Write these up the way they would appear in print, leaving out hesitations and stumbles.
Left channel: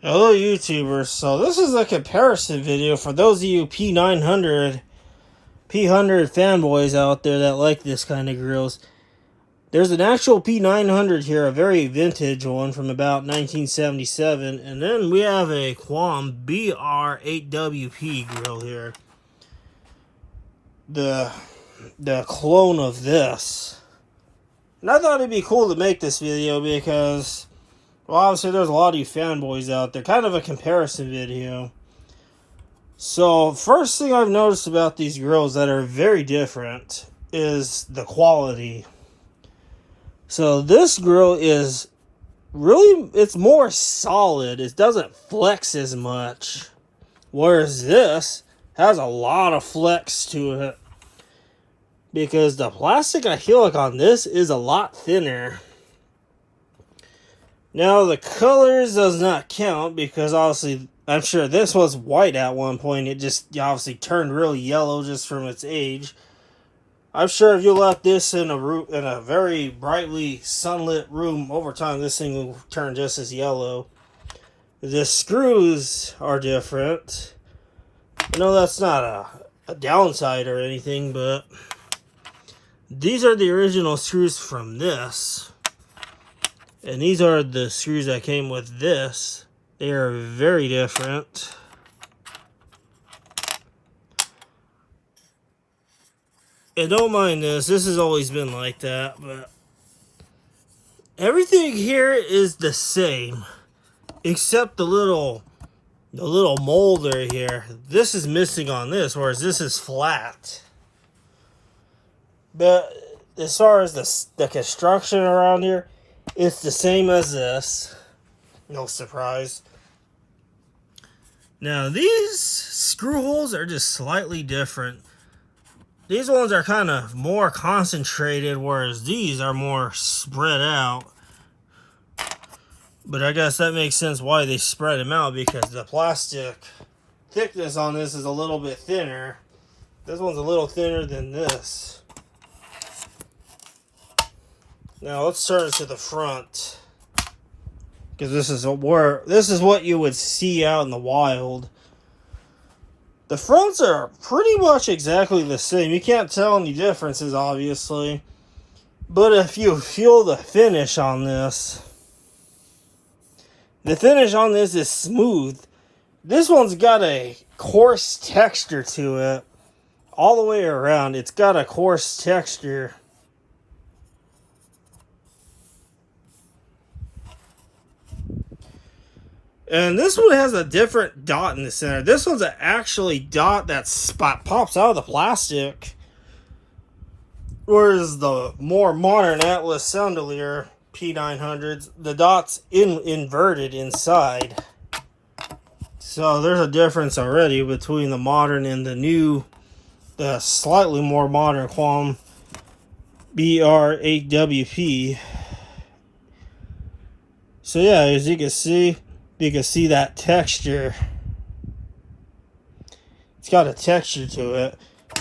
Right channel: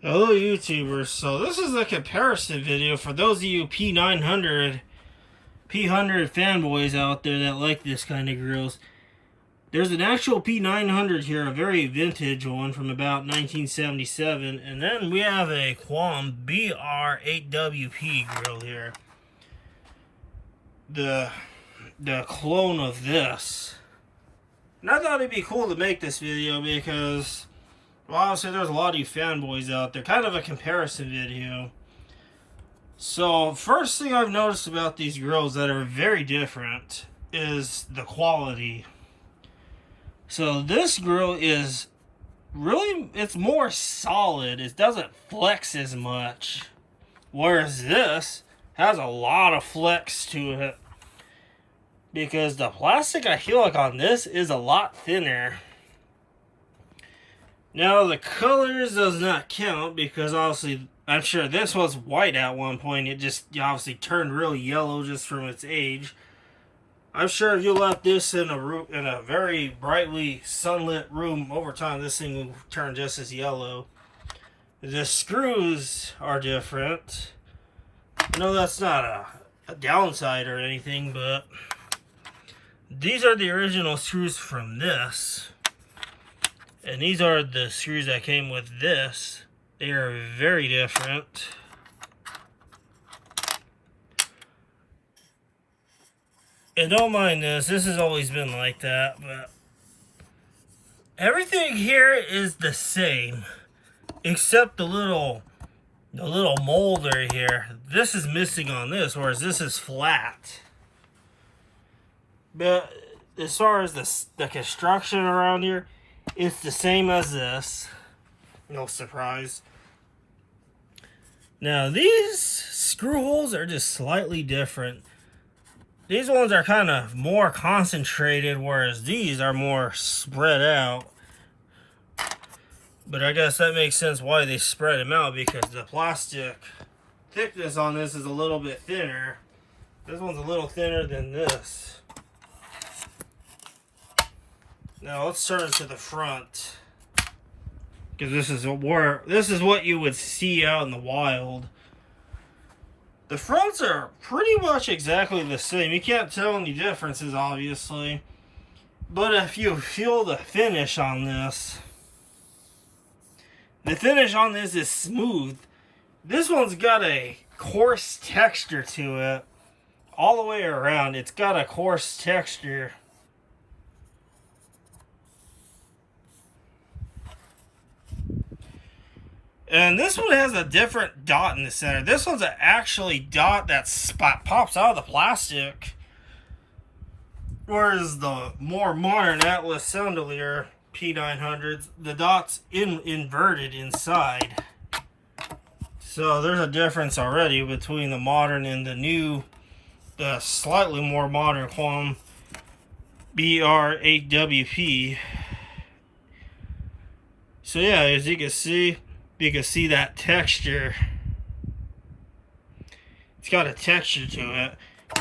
Hello YouTubers, so this is a comparison video for those of you P900 fanboys out there that like this kind of grills. There's an actual P900 here, a very vintage one from about 1977, and then we have a Quam BR8WP grill here. The clone of this. And I thought it'd be cool to make this video because, well, obviously there's a lot of you fanboys out there. Kind of a comparison video. So, first thing I've noticed about these grills that are very different is the quality. So, this grill is really, it's more solid. It doesn't flex as much. Whereas this has a lot of flex to it. Because the plastic I feel like on this is a lot thinner. Now, the colors does not count because obviously, I'm sure this was white at one point. It just obviously turned really yellow just from its age. I'm sure if you left this in a very brightly sunlit room over time, this thing will turn just as yellow. The screws are different. I know that's not a downside or anything, but these are the original screws from this. And these are the screws that came with this. They are very different. And don't mind this. This has always been like that. But everything here is the same. Except the little molder here. This is missing on this. Whereas this is flat. But as far as the construction around here, it's the same as this. No surprise. Now, these screw holes are just slightly different. These ones are kind of more concentrated, whereas these are more spread out. But I guess that makes sense why they spread them out, because the plastic thickness on this is a little bit thinner. This one's a little thinner than this. Now let's turn to the front, because this is what you would see out in the wild. The fronts are pretty much exactly the same. You can't tell any differences, obviously. But if you feel the finish on this, the finish on this is smooth. This one's got a coarse texture to it. All the way around, it's got a coarse texture. And this one has a different dot in the center. This one's an actually dot that pops out of the plastic. Whereas the more modern Atlas Soundolier P900s, the dot's inverted inside. So there's a difference already between the modern and the slightly more modern Quam BR8WP. So yeah, as you can see that texture. It's got a texture to it.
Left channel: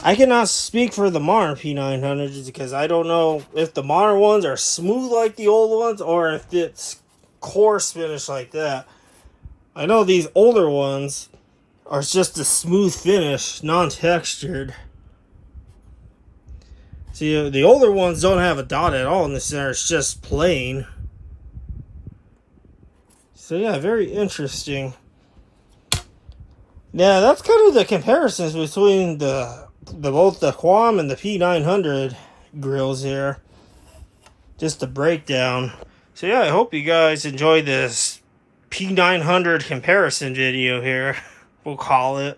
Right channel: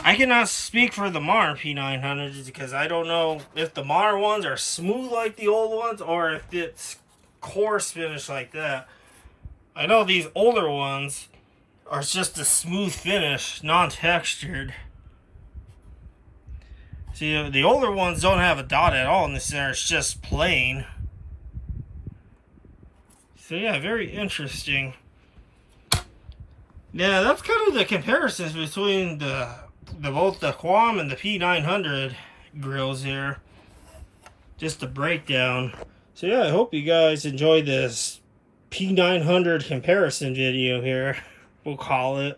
I cannot speak for the modern P900s because I don't know if the modern ones are smooth like the old ones or if it's coarse finish like that. I know these older ones are just a smooth finish, non-textured. See, the older ones don't have a dot at all in the center. It's just plain. So yeah, very interesting. Yeah, that's kind of the comparisons between both the Quam and the P900 grills here. Just the breakdown. So yeah, I hope you guys enjoyed this P900 comparison video here. We'll call it.